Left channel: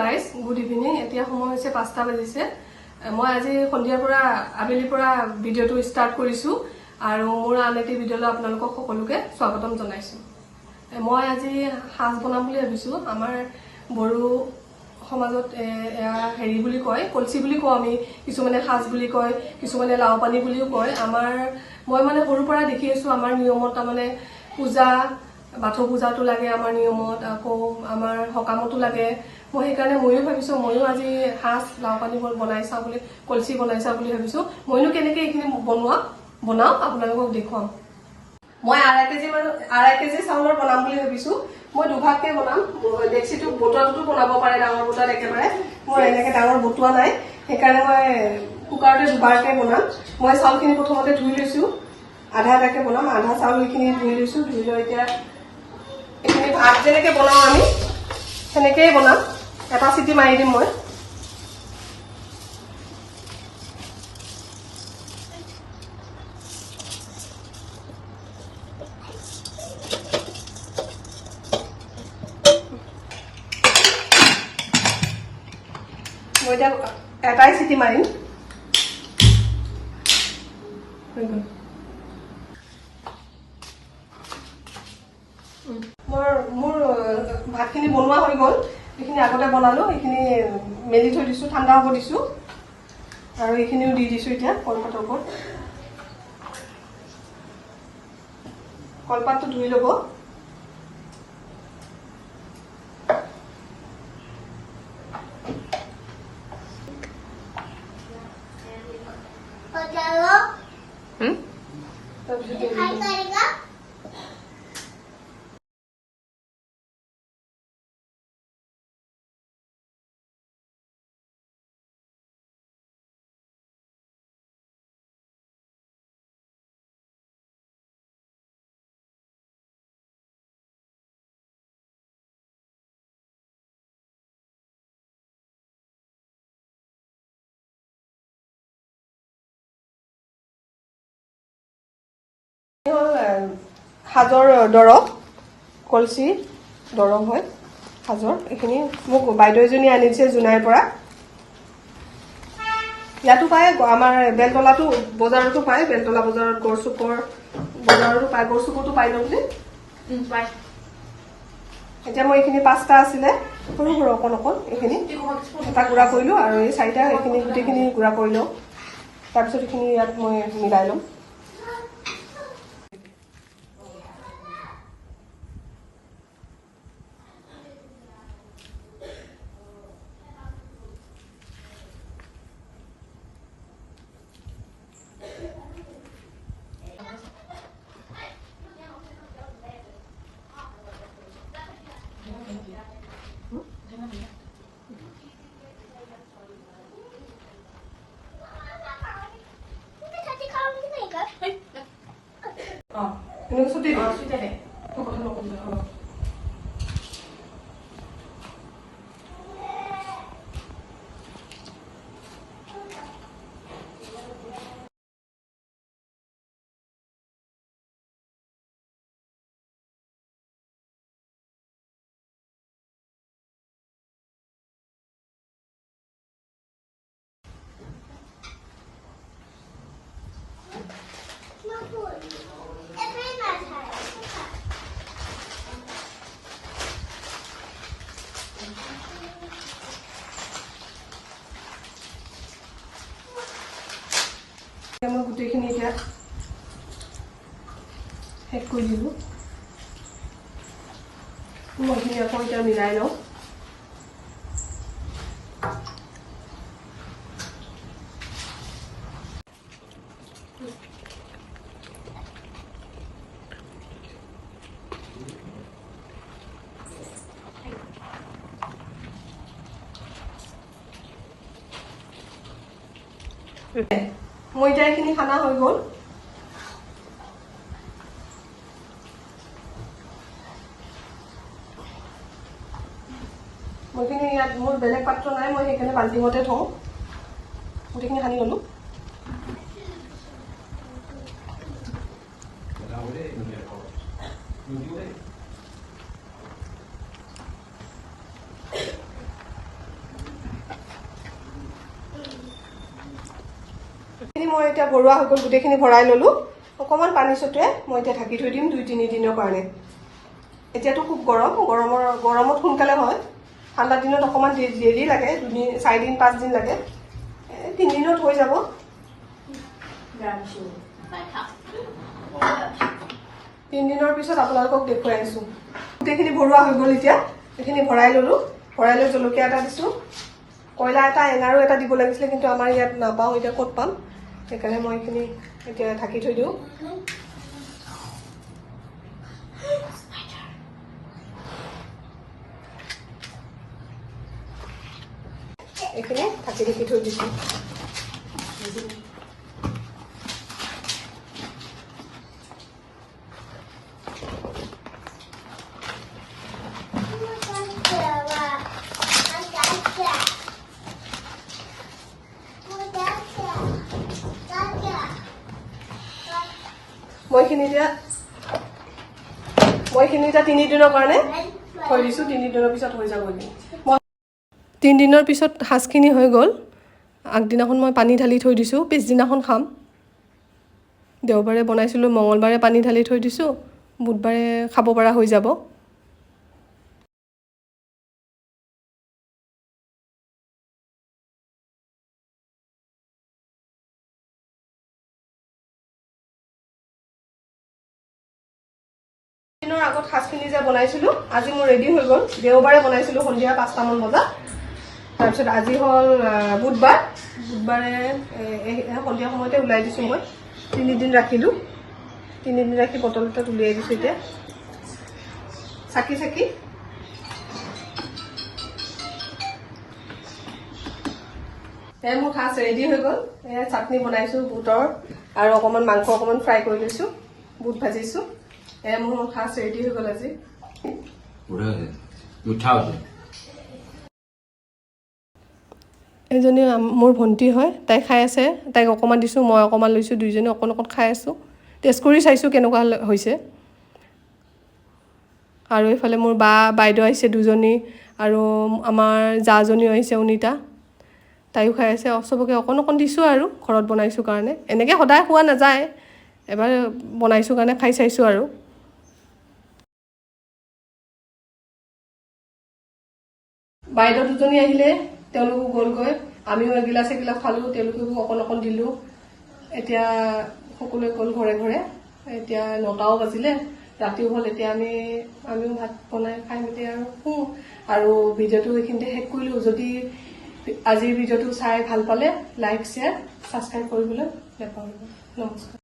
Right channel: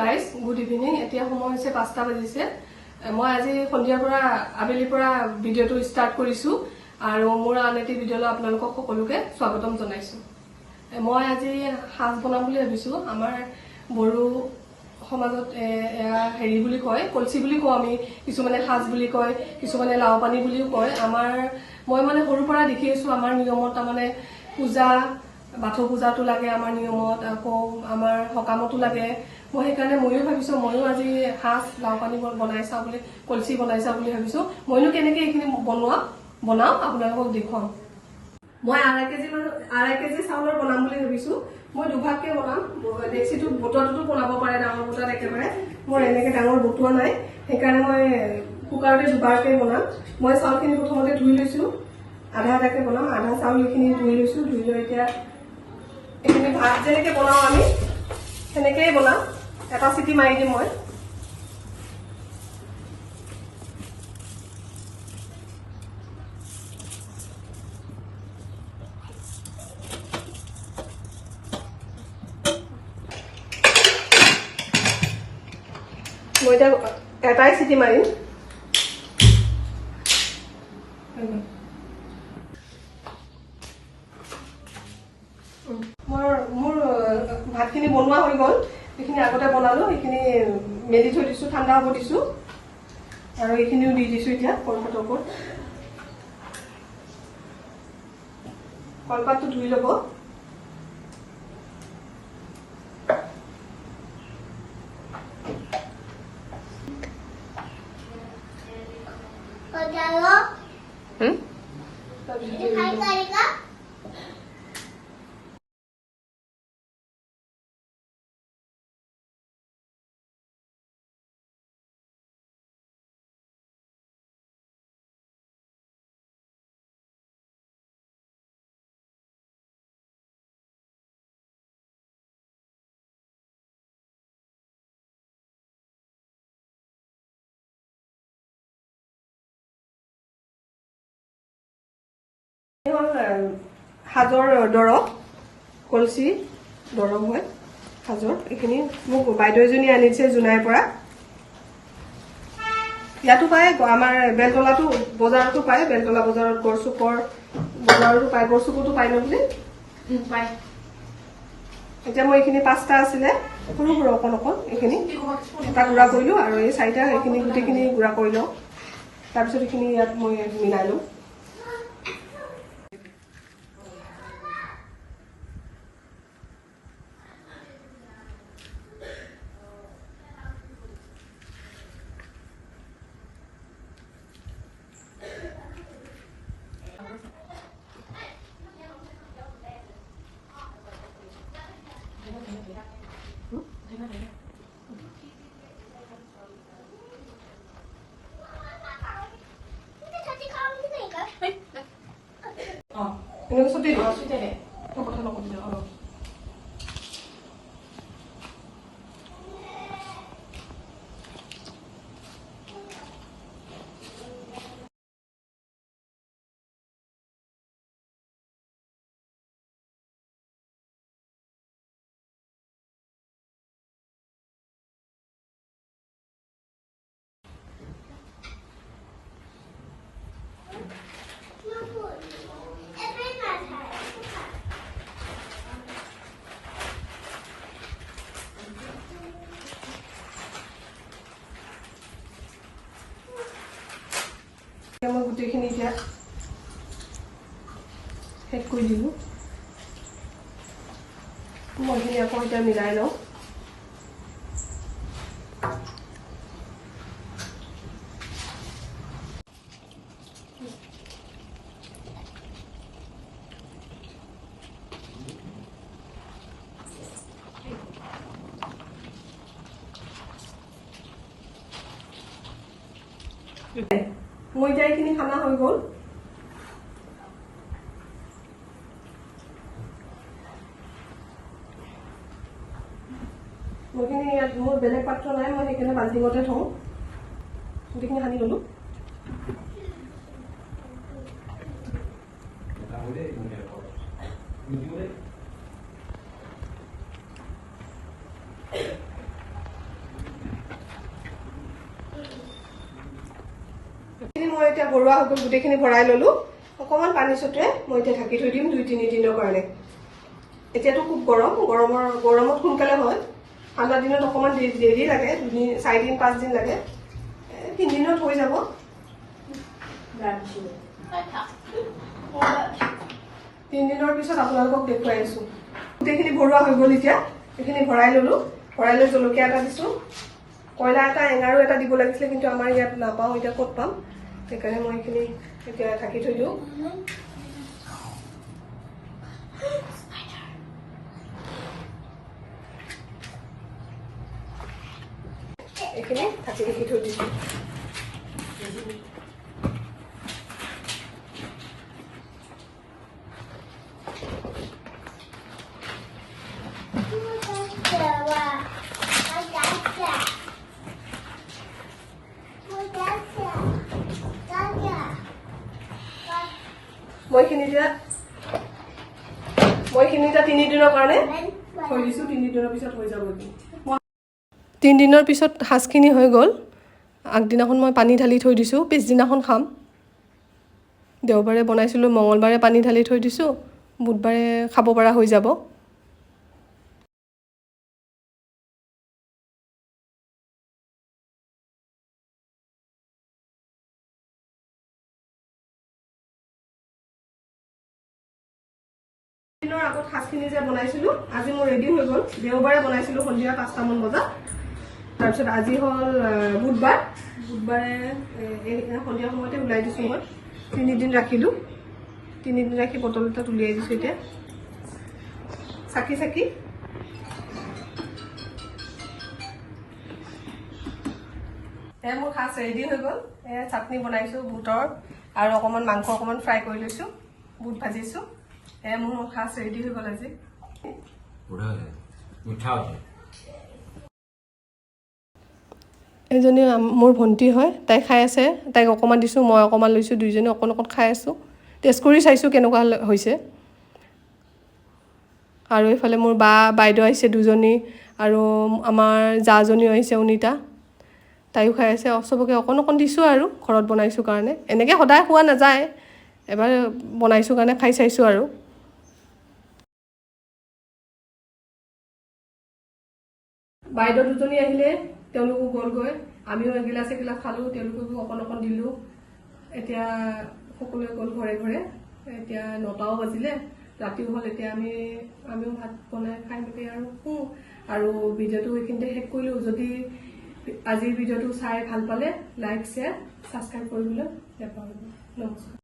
Guys good evening এতিয়া সময় হৈছে 5টা বাজিছে মই আজি সন্ধিয়াৰ পৰা আবেলিৰ পৰা ভিডিঅ'টো ষ্টাৰ্ট কৰিছো আৰু মোৰ আন এটি ভিডিঅ'লৈ আপোনালোকক সকলোকে স্বাগতম জনাইছো মই আজি হাঁস বনাম বুলি ভাবিছো আমাৰ বড়ো সমাজত হেৰি বুলি কয় কলচি বুলি কওঁ আমি কিছুমানে হাঁস বুলি কয় কিছুমানে লাও পানী বুলিও কয় আমাৰ মই মানে সৰুৰ পৰা দেখি আছো আমাৰ নিয়মত মানে পূজা বাথৌ পূজাটো লাগে আমাৰ নিয়মত আকৌ আমাৰ সকামতো লাগে মই সেইকাৰণে ময়ো ভাবিছো ময়ো আজি হাঁস লাও পানী বনাই চাওঁ বুলি কলচি বনাই চাওঁ বুলি ভাবিছো মইনো কেনেকৈ এইখিনি বনাও আপোনালোকক দেখুৱাম মই আঢ়ৈ কেজি চাউলৰ বনাম বুলি ভাবিছো মই দুভাগকে বনাম ডেক্সিটো বটুৱাটো বনাব পাৰে ডাঙৰ বটুৱাত একেবাৰে মই এনেকৈ ডাঙৰ বটুৱা নাই সেইকাৰণে মই কুকাৰতে দুবাৰকে বনাম মই চাউলখিনি প্ৰথমতে ধুই লৈছো আধা আধাকে বনাম আধা চাউল এইখিনি ধুই লৈছো ধুই লৈ এতিয়া এইখিনি ভাত যেনেকৈ বনাওঁ আমি সেনেকেই বনাম এটা চিটি মাৰি দিম মই এতিয়া এটাই চিটি মাৰিম মোৰ ভাতখিনি বনোৱা হৈ গ'ল এইখিনি আগতে বনালো এইখিনি মেলি থৈ দিছো ঠাণ্ডা হ'ব দিছো আৰু এইখিনিও দি দিছো এতিয়া কলপাতৰ ওপৰত কলপাতটো ধুই ল'ব সাজৰ দৰৱ কলচি দৰৱ হয় সাজৰ এইখিনি মোক বাইদেউ এজনী আনিছে জোনাইৰ পৰা ইয়াতো পায় আমাৰ বেলতলাতো বজাৰতো পায় বেলতলা বজাৰত গড়চুকৰ বজাৰতো পায় গড়চুকতো পায় ন বুলি পায় এতিয়া মই এইখিনি 5টা আছিলে সৰু সৰু অকণ অকণ এইখিনি এটা গুড়া কৰিলো আৰু এই 4টা এইখিনি গোটেইখিনি গুড়া কৰি লওঁ তাৰপিছত এইখিনি ইয়াত মই মিলাই লওঁ মই গোটেইখিনি এতিয়া শেষ কৰি দিলো মই এইখিনি আকৌ এতিয়া মিলাই লওঁ মই এতিয়া এইখিনি খানা হৈ গ'ল মইখিনি ইয়াত মোৰ বেলেগ পাত্ৰ নাই মই সেইকাৰণে বাল্টিঙতে থওঁ গোটেইখিনি সানি ল'লো এইখিনি মই এতিয়া ঘৰুৱা হৈ গ'ল, গোটেইখিনি ভৰাই ল'লো। অকণমান পানী ছটিয়াই মই এতিয়া ঢাকি থৈ দিম 2-3 দিনৰ কাৰণে। এতিয়াতো খুব গৰমত সোনকালে হয়, ঠাণ্ডা দিনত অকণমান দেৰি লাগে, 4 দিন 5 দিন লাগে, 3 দিনত হৈ যাব। 3 দিনৰ পিছত আপোনালোকক দেখুৱাই আছোঁ। গোটেইখিনি ভৰোৱা হৈ গ'ল। এতিয়া এইখিনি ভৰাই ল'লো, ভৰাই লৈ জলকীয়া এটা দিছোঁ, কয়লা এটা, এঙাৰো এটা দিব লাগিছিলে, কিন্তু আমাৰ ইয়াত নাপাওঁ, এতিয়া ক'ত পাম, সেইকাৰণে মই এইখিনি এতিয়া ঢাকি থৈ দিওঁ। এইখিনি ঢাকি থৈ দিছোঁ। মই খিনি এতিয়া 3 দিনৰ কাৰণে থৈ দিছোঁ। 3 দিনৰ পিছত হৈ যাব। 3 দিনৰ পিছত সাজখিনি হৈ গ'ল। আগদিনাখন মই পানী ঢালি থৈ দিছোঁ, পিছদিনাখন খাম। দেওবাৰে বনাইছিলোঁ, মঙলবাৰে পানী ঢালি থৈ দিছোঁ, বুধবাৰে খাব পৰা হৈ যাব। দিনৰ আগত সাজখিনি যে বনাইছিলোঁ, আজি মোৰ ৰেডি হৈ গ'ল। দেওবাৰে বনাইছিলোঁ সন্ধিয়া 5টামান বজাত। তাৰপিছত আজি হ'ল বুধবাৰে সন্ধিয়া সময়তে ওলাই দিছোঁ মই। 3 দিন ৰাখিলোঁ, 3 দিন ৰাখি বটলতে উলিয়াই দিছোঁ। এতিয়া চাকি মোৰ সাজ ৰেডি হৈ গ'ল। এয়া চাটনি বনাইছোঁ বুটৰ, আৰু অকণমান মাংস অকণমান ফ্ৰাই কৰি লৈছোঁ, বুট ভাজিছোঁ। এয়া মোৰ সাজ ৰেডি হৈ গ'ল আজি। এজনী মোৰ ভণ্টি হয়, তাই খাই আছে, তাইক অকণমান দিছোঁ, মই অকণমান লৈছোঁ, দুইজনী অকণ খাই আছোঁ। টেষ্ট কৰি চাইছোঁ কেনেকুৱা হৈছে। আৰু এইফালে মোৰ বাইদেউ আহিছে 2জনী, আৰু আমাৰ জাজনীও আহিছে, অনিতা, তাইও খাই আছে। চবকে অকণ দিছোঁ, আৰু ঘৰত বনাইছোঁ কাৰণে। এনেকৈ সদায় খোৱা নাযায়, এবাৰ বনাইছোঁ কাৰণে খাই চাইছোঁ আৰু। বাইদেউ 2জনী আহিলে, তেওঁলোকো গ'লগৈ। আমিও এগিলাচ খালোঁ, তেওঁলোককো অকণ দিলোঁ। এতিয়া সকলোৱে গ'ল ঘৰে ঘৰে। এতিয়া 9টাও বাজিলে, ৰাতিও হ'ল। এতিয়া আমিও ভাত বনাই খাই মেলি আৰু শুওঁ। আৰু ভিডিঅ'টো এইখিনিতে শেষ কৰিলোঁ। যদি আজিৰ ভিডিঅ'টো চাই ভাল পালে লাইক, শ্বেয়াৰ, ছাবস্ক্ৰাইব কৰিবলৈ নাপাহৰিব। নমস্কাৰ।